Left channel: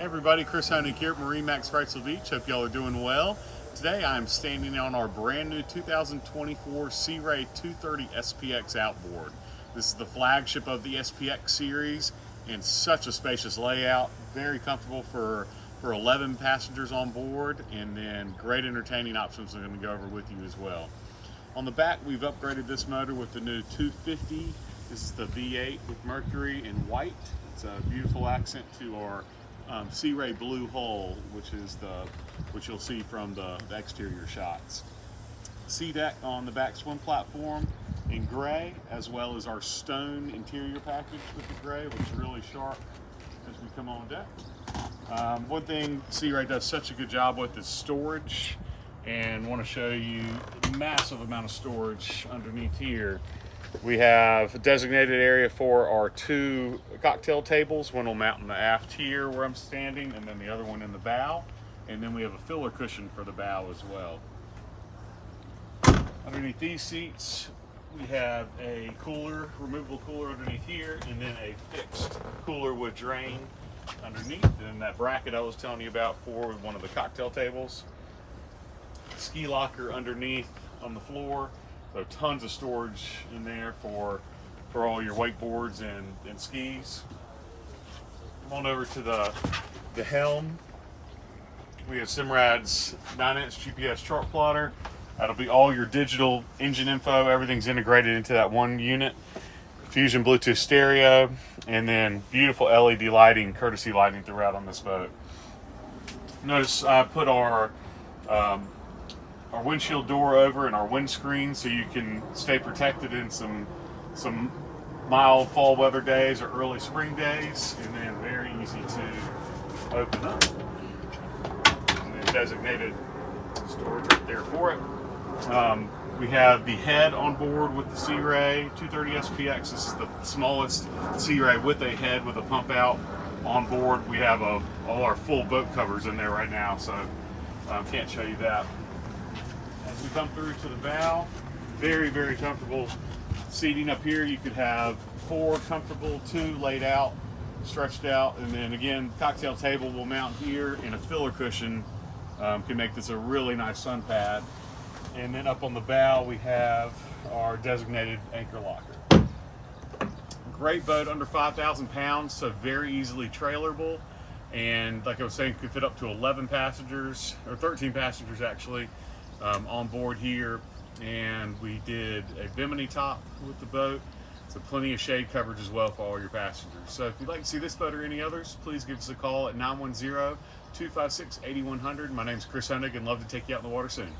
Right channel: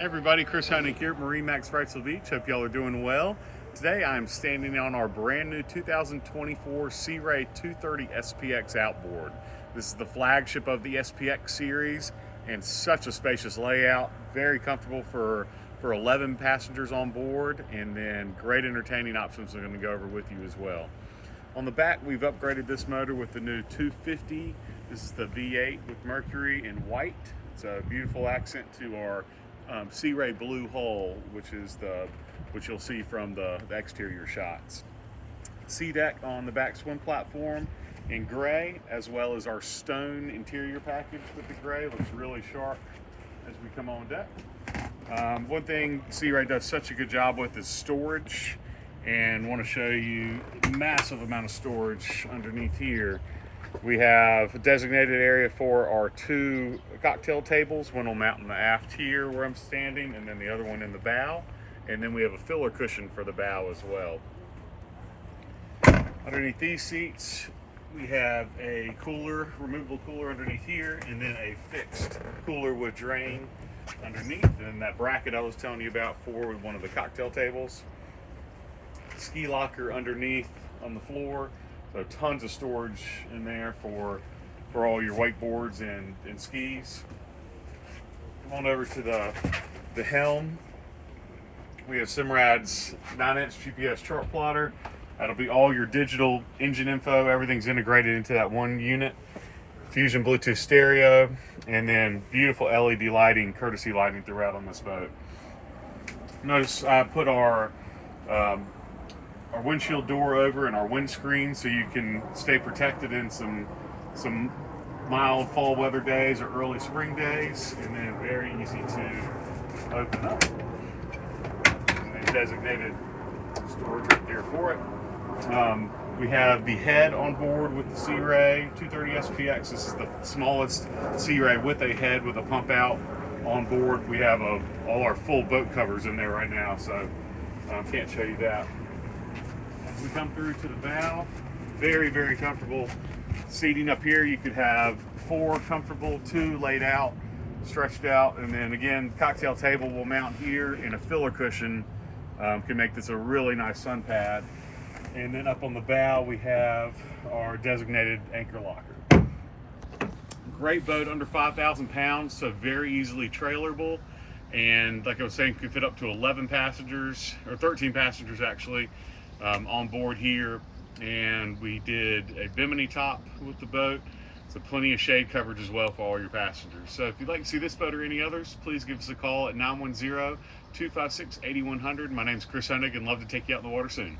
Hey everybody, Chris Honig here at MarineMax Wrightsville Beach. Hope y'all are doing well. Today I'm standing on our brand new 2024 Sea Ray 230 SPX outboard. This is the flagship of the SPX series and such a spacious layout. Very comfortable for 11 passengers on board, and then great entertaining options I'm going to go over with you as well. On the back, we've upgraded this motor with the new 250. This is the V8 with Mercury in white. It's a beautiful accent to our Sea Ray blue hull, which you'll see from the exterior shots. Sea deck on the back swim platform in gray, as well as our stone interior package with the gray. Looks really sharp as we come on deck. One thing Sea Ray does such a good job with is storage, and want to show you the massive amount of storage underneath here. We have a designated area for our 2 cocktail tables. One will mount in the aft here where I'm standing, and then the other one in the bow. And then we have a filler cushion for the bow as well. Underneath these seats, we have a cooler, removable cooler underneath here, and then a fixed cooler with drain underneath. And that bracket I was telling you about for one of the cocktail tables. Ski locker underneath on the floor. So tons of storage in there for all your wakeboards and skis. Come on over to the Helm. We have Simrad's 9-inch GPS chart plotter. That'll be all your digital engine info. Everything's integrated into that one unit. Fusion Bluetooth stereo, and then beautiful LED lighting, courtesy lighting throughout on this boat. Notice I put our windshield door over and our windscreen so you can stay protected in some mild fall weather days or early spring days, and then very easy to open up. And then designated storage right there for it. We have the head on board with the Sea Ray 230 SPX. This is the smallest Sea Ray with a head with a pump out on board. We have all our full boat covers in there right now, so can't show you that. As we come through to the bow, very, very comfortable seating up here. You could have 4 comfortable, 2 laid out, stretched out, and then again, cocktail table will mount here, and a filler cushion can make this a really nice sun pad. And then up on the bow, we have our designated anchor locker. Great boat, under 5,000 pounds, so very easily trailerable. And like I was saying, could fit up to 11 passengers, or 13 passengers actually, on board here. And we did a bimini top with the boat, so plenty of shade coverage as well for all your passengers. So if you'd like to see this boat or any others, please give us a call at 910-256-8100. My name's Chris Honig, and love to take you out in the water soon.